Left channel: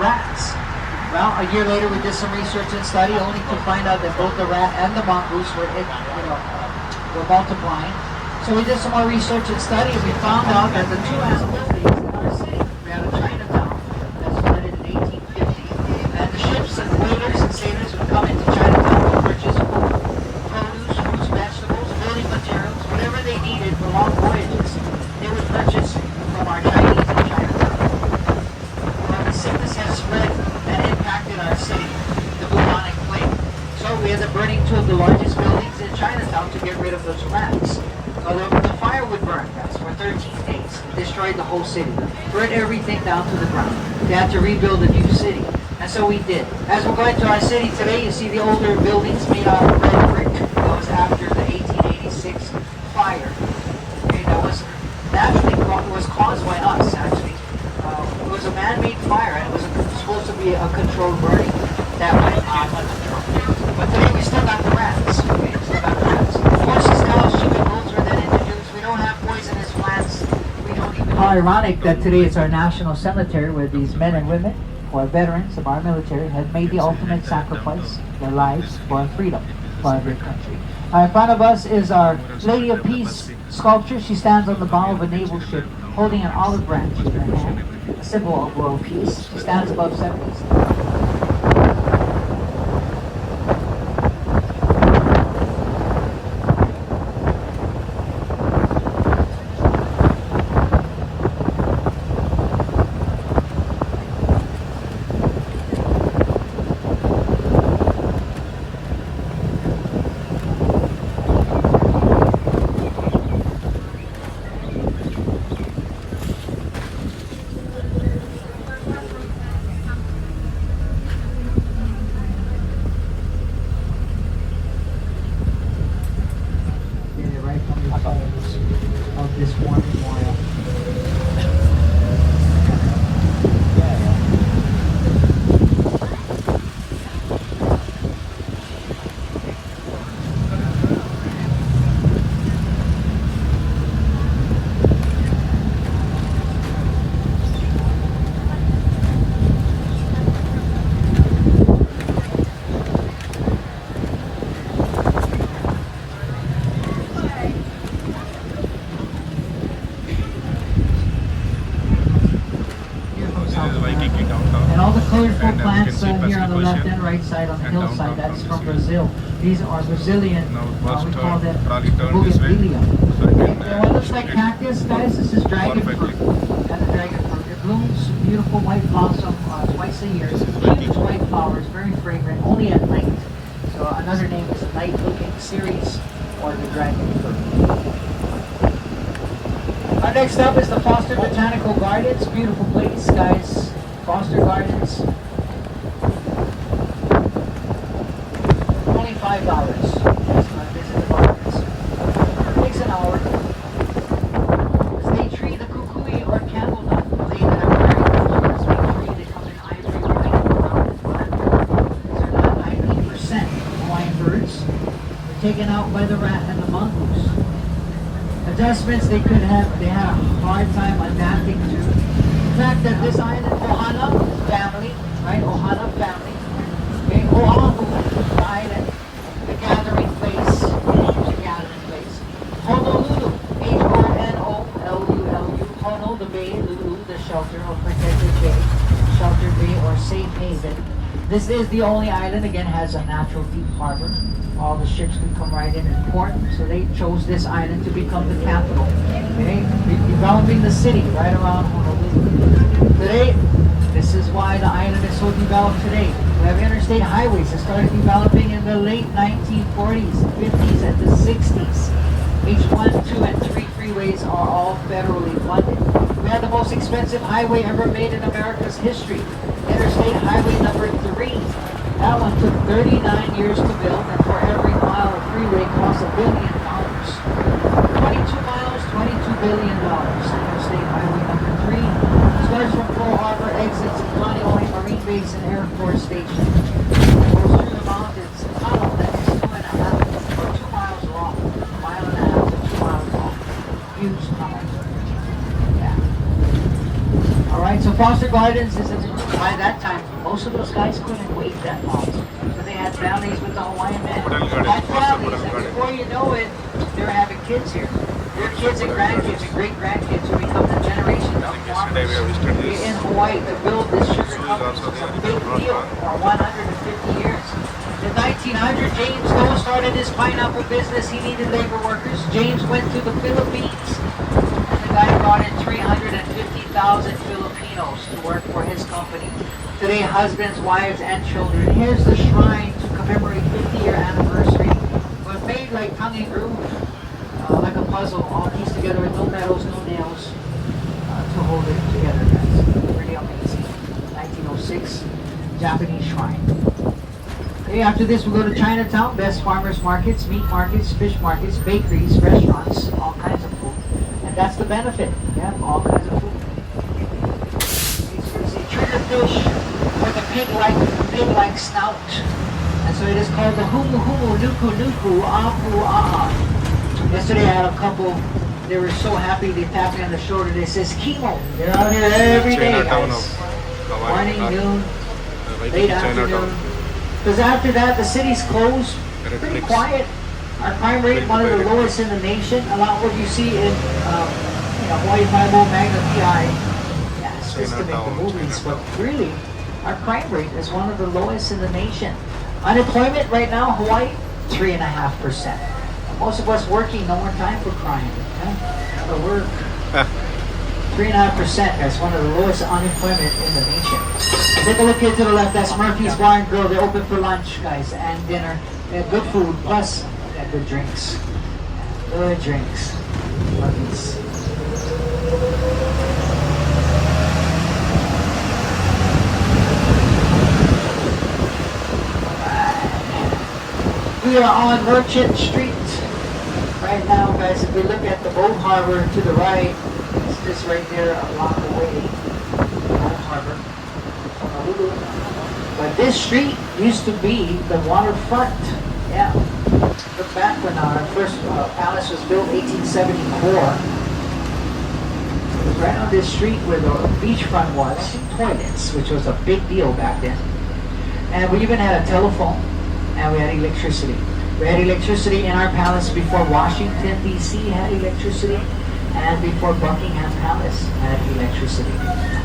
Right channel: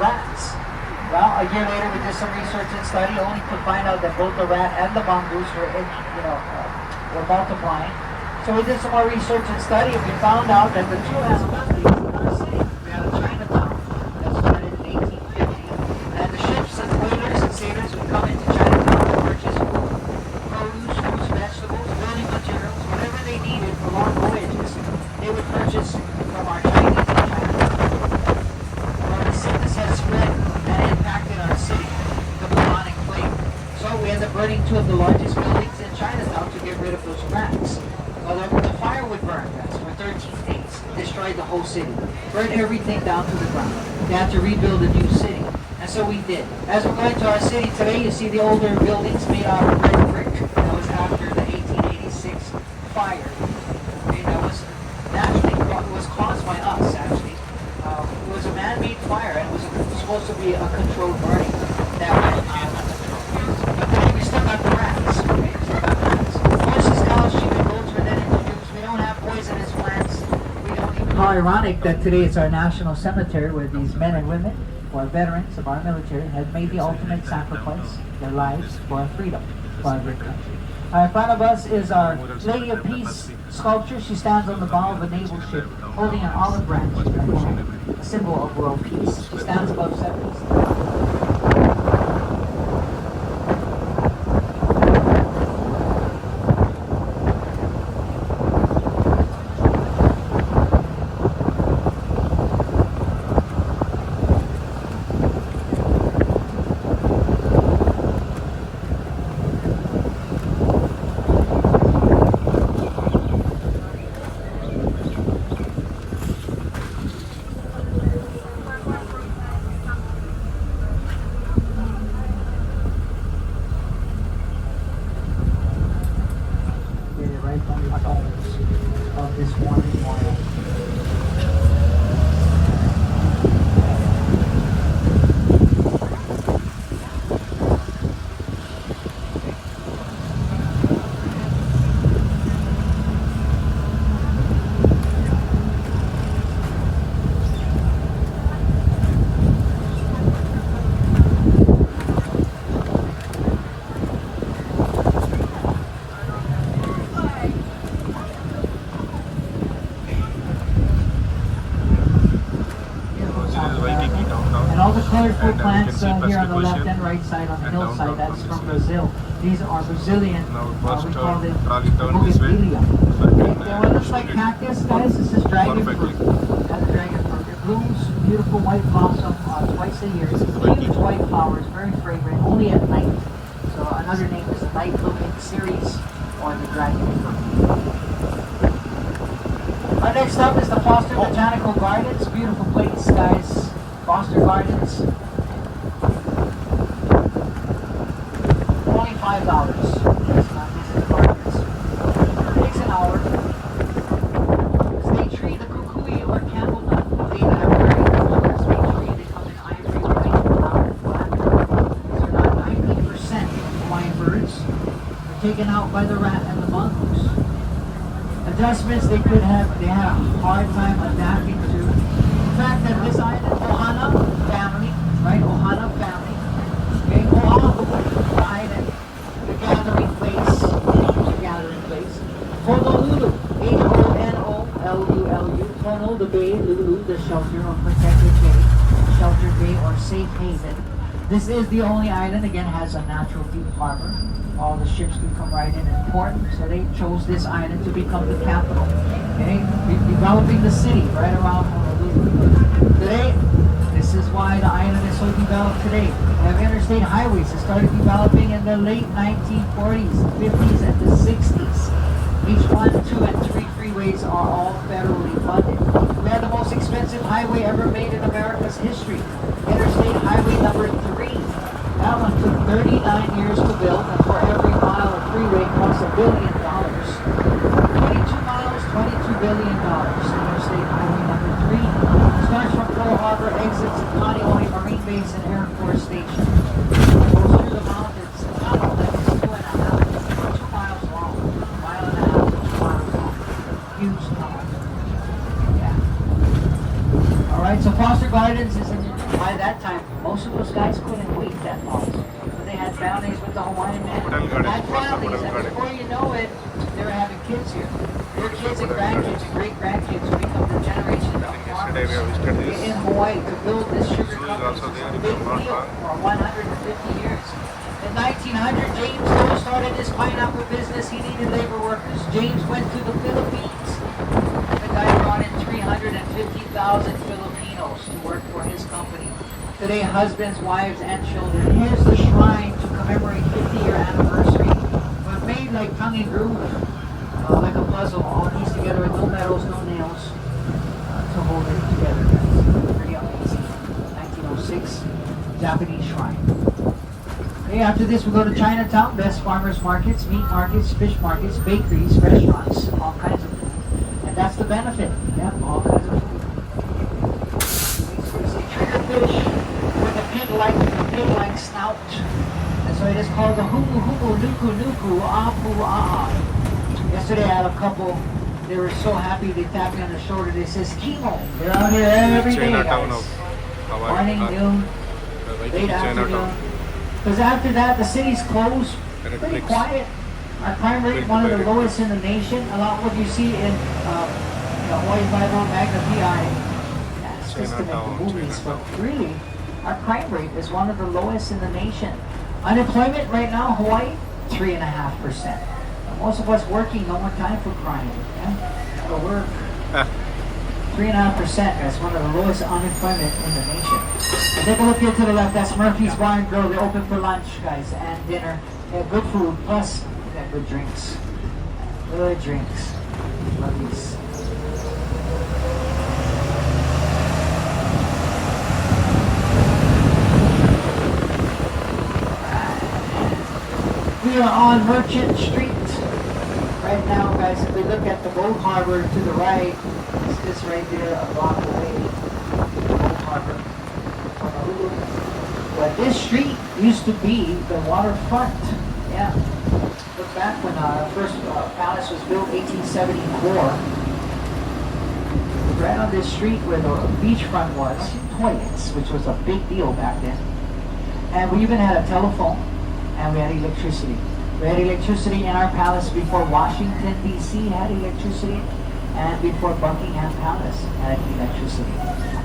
rats. Well, a year later we did some research and study only to find out that both the rat and the mongoose were multiplying. So we did some more research and study and we found out that the two animals in our city, we had a Chinatown that started in 1850. And the ships and whalers and sailors would come into Chinatown to purchase food, produce, fruits, vegetables, building materials, whatever they needed for long voyages. They would purchase from our Chinese in Chinatown. Where the sickness has spread and impacted our city, the bubonic plague. So we ended up burning two of the largest buildings in Chinatown to get rid of those rats. The fire would burn, guys, for 13 days. It destroyed the whole city. Burned everything down to the ground. They had to rebuild a new city. And so we did. As we're going to our city today, you see the older buildings made out of red brick. That was after the 1886 fire. Okay, that was naturally it was caused by us, actually. It was a man-made fire, and it was supposed to be a controlled burning that went out of control. But today we still got the rats. We still got the rats. Also, still chicken goats were then introduced. We don't have poisonous plants. We don't even... How ironic that today is our national cemetery where these men and women who are veterans of our military have made the ultimate sacrifice, their lives for our freedom, for our great country. In front of us is our Lady of Peace sculpture. She stands on the bow of a naval ship holding an olive branch in her hand, symbol of world peace. She stands above 70. Colorful plants here on the left and right side on the hillside, that's from Brazil. These are Brazilian, now we call them trolley turn this way, so I can it looks like cactus, guys. This is dragon fruit. That's dragon fruit. It blooms beautiful white blossom twice a year. Huge white flowers, very fragrant, only at night. So another name is the night-looking cereus or the dragon fruit. Next up is the Foster Botanical Gardens. Beautiful place, guys. Foster Gardens. Only $5. That's my visit gardens. It takes an hour. State tree, the kukui or candlenut. They have very good sweet tree. They come in ivory white and brown and black. These are not 90% Hawaiian birds. They're taken out by the rat and the mongoose. Adjustments they could have, they had a hard time adapting to the fact that this island, Ohana family, right? Ohana family, okay? Oahu, the island, the gathering place, Honolulu, Honolulu, Hono, the bay, Lulu, the shelter or protected bay, shelter bay or safe haven. This is the only island, again, has a natural deep harbor. All the ships could come right in and port, so they chose this island to become the capital. Okay, developing the city right around Honolulu. Today, this is why the island is so developed today. We have interstate highways that started developing in the late 1940s, 50s, and the 60s. H1, 2, and 3 freeways are all federally funded. We had the most expensive highway ever made in America's history. Interstate Highway number 3. That one took 39 years to build, and for every mile of freeway costs $1 billion. 22 miles, $22 billion. Interstate Highway number 3 starts from Pearl Harbor, exits Kaneohe Marine Base and Air Force Station. Goes through the mountains, a tunnel that is 2 miles long, 1.5 miles, 2 miles long. Huge tunnel. Yeah. All right, so Foster Gardens is a by that time, most of those guys couldn't wait that long. So they had families with the Hawaiian men. Hotel garden, Had first families, hotel and garden. before you know it, they're having kids here. Their Beautiful kids and hotel grandkids gardens. and great-grandkids will become the generation I of think yesterday we have visited farmers this. in Hawaii to build this sugar Zoo is company. also there, It's a if big I'm not deal wrong. for 150 years. In 1900, James Doe started his pineapple business. He needed labor workers. James went to the Philippines. The guy brought in 350,000 Filipinos to work for his company. Today, husbands, wives, and children. Here's the shrine to commemorate 50-year anniversary. It was made like tongue and groove, like a puzzle, all pieced together with no metals, no nails, to hold it together. That's pretty amazing. 1906 Japanese shrine. Okay, after this, we go to Chinatown. Best farmers markets, meat markets, fish markets, bakeries, restaurants, all kinds of food. And that's the benefit. Yeah, all kinds of food. It's a triggerfish with a pig-like snout. And so it is called the humu humu nuku nuku apu a. Yesterday I had a couple. They were so happy. They tapped me on the shoulder. They says, "Chemo, you're out here every day, Chinatown guys. of Hawaii. Morning, noon, Waikiki late Chinatown. afternoon." Because after that, the city's closed. Red Pretty bricks. quiet. Our crime rate, Built one of by the red lowest in the nation. A lot what you see in Hawaii Bible, Magna PI. Yeah, it's just to make the Chinatown, movies, but Chinatown. really, our crime rate is one of the lowest in the nation. Unemployment right now, Hawaii, 3.5%. Most of us working, no more time for crime. Yeah? Gotta work. Ah, 3.5%, guys, one of the lowest unemployment in the nation. Take a look here to the left, that's Murphy's Bar and Grill. They're open for lunch, guys, and dinner. They have good food, plus they have good drinks. Good drinks. Murphy's. We are on Merchant Street right now, guys. If we look at the boat harbor to the right, it's just right there, a block away. The boat harbor, Honolulu. But this street used to be the waterfront. Yeah. Look back when our first palace was built, 1874. It was right on this street where the beachfront was, toilets, which was a big deal back then. And we even had a telephone, and we had electricity. We had electricity in our palace before Washington, D.C. had electricity, and before Buckingham Palace had electricity.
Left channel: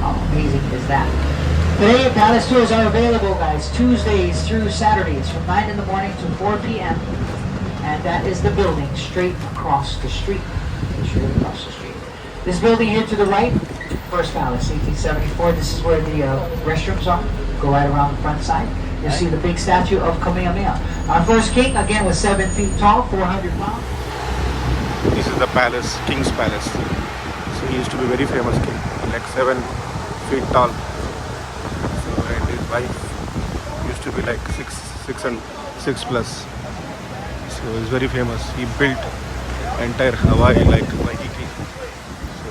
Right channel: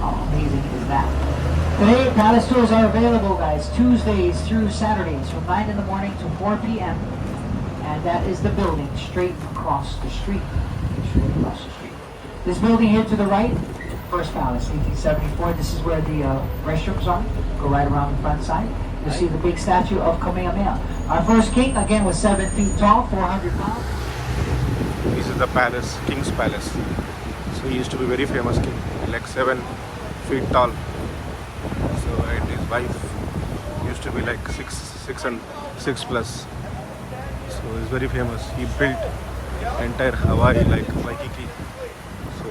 How amazing is that? Today, palace tours are available, guys, Tuesdays through Saturdays from 9 in the morning to 4 p.m. And that is the building straight across the street. Straight across the street. This building here to the right, First Palace, 1874. This is where the restrooms are. Go right around the front side. You see the big statue of Kamehameha. Our first king, again, was 7 feet tall, 400 pounds. this is the palace, King's Palace. So he used to be very famous king, like 7 feet tall. So and his wife used to be like 6 plus. So he's very famous. He built entire Hawaii like Waikiki. So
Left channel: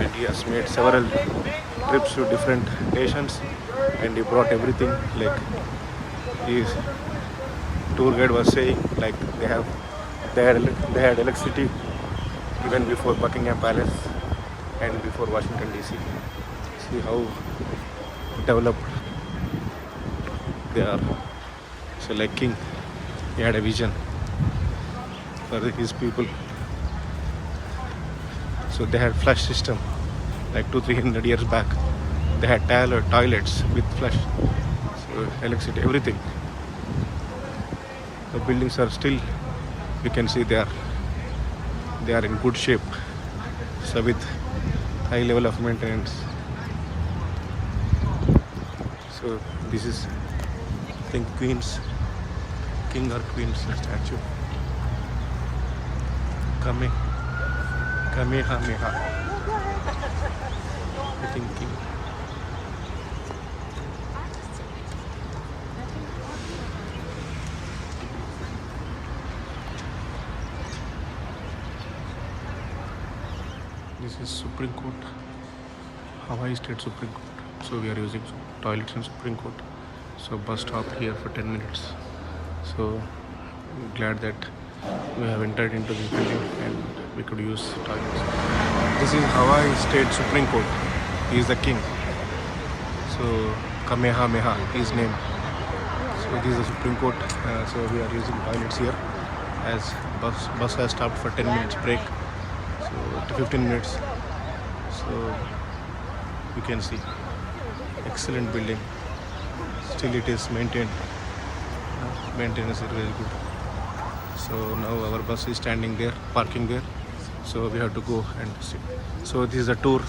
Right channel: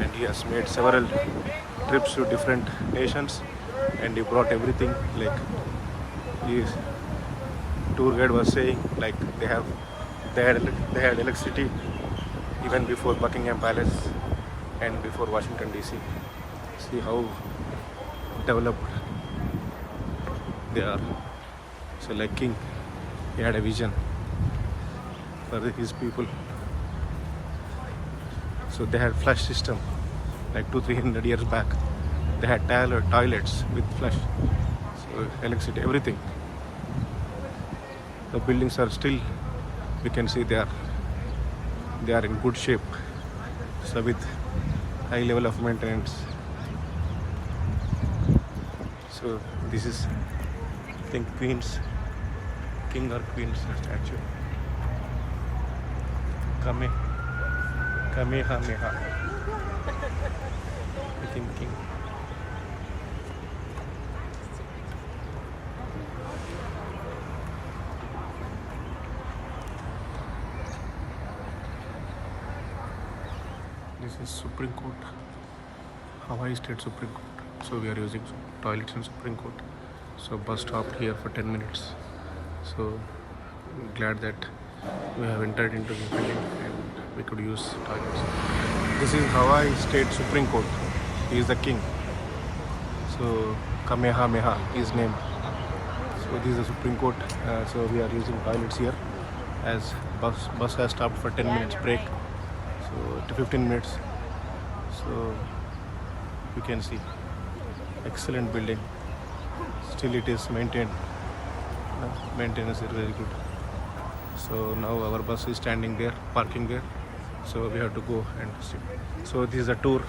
and he has made several trips to different nations, and he brought everything. Like his tour guide was saying, like they had electricity even before Buckingham Palace and before Washington DC. See how developed they are. So like king, he had a vision for his people. So they had flush system like 200-300 years back. They had toilets with flush, so electricity, everything. The buildings are still, you can see they are in good shape. So with high level of maintenance. So this is, I think, king or queen's statue. Kamehameha. I think king. This is Supreme Court, Hawaii State Supreme Court. So we are using toilets in Supreme Court. So bus stop here for 10 minutes. So I'm glad that we have entered into this building and we could use toilets. This is Hawaii State Supreme Court. He is the king. So Kamehameha is named. So this is the Supreme Court. So we are using toilets here as bus has stopped for 10 minutes break. So to 15 minutes. So you can see excellent building. Still it is maintained. Maintenance is very good. So now our bus is standing there, parking there. So we have to go and sit. So this is a tour.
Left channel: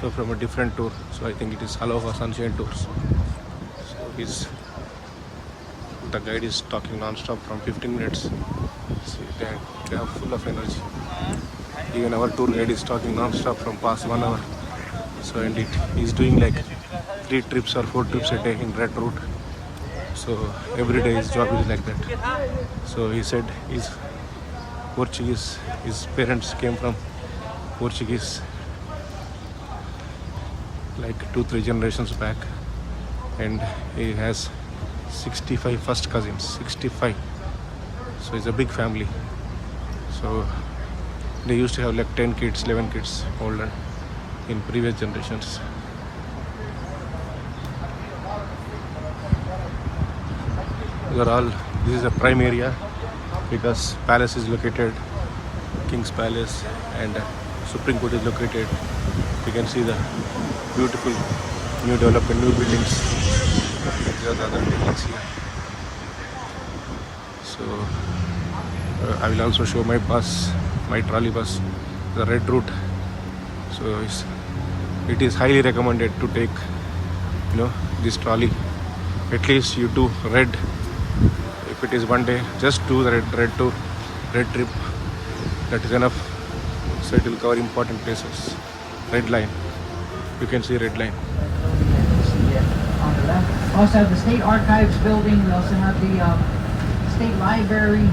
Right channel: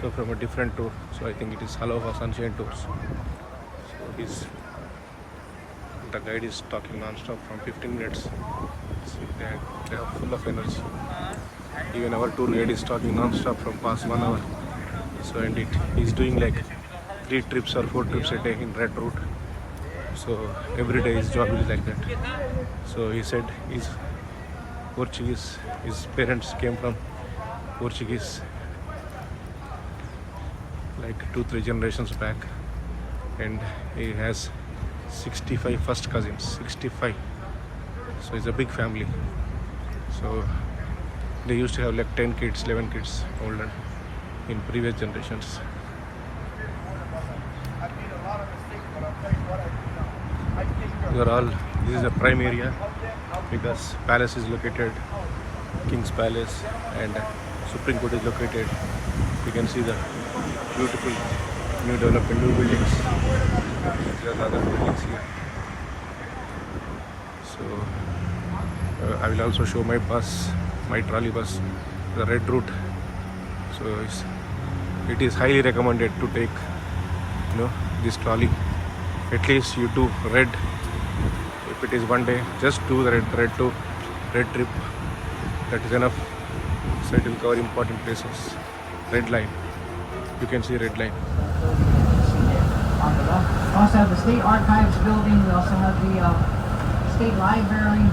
So from a different tour. So I think it is Aloha Sunshine Tours. So the guide is talking non-stop from 15 minutes. See, they are full of energy. Even our tour guide is talking non-stop from past 1 hour. So and he's doing like 3 trips or 4 trips a day in red route. So every day his job is like that. So he said he's Portuguese. His parents came from Portuguese like 2-3 generations back, and he has 65 first cousins. 65. So it's a big family. So they used to have like 10 kids, 11 kids older in previous generations. This is a prime area because palace is located, King's Palace, and Supreme Court is located. You can see the beautiful new development, new buildings. These are the other buildings here. So I will also show my bus, my trolley bus, the red route. So it is highly recommended to take, this trolley. At least you do red. If it is one day, just do the red tour, red trip. That is enough. So it will cover important places. Red line. You can see red line. On the left. We also have the State Archives building. We also have the State Library.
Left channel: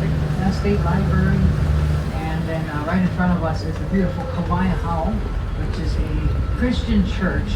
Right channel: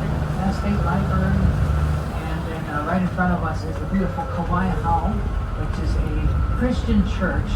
And then right in front of us is the beautiful Kauai Hall, which is a Christian church.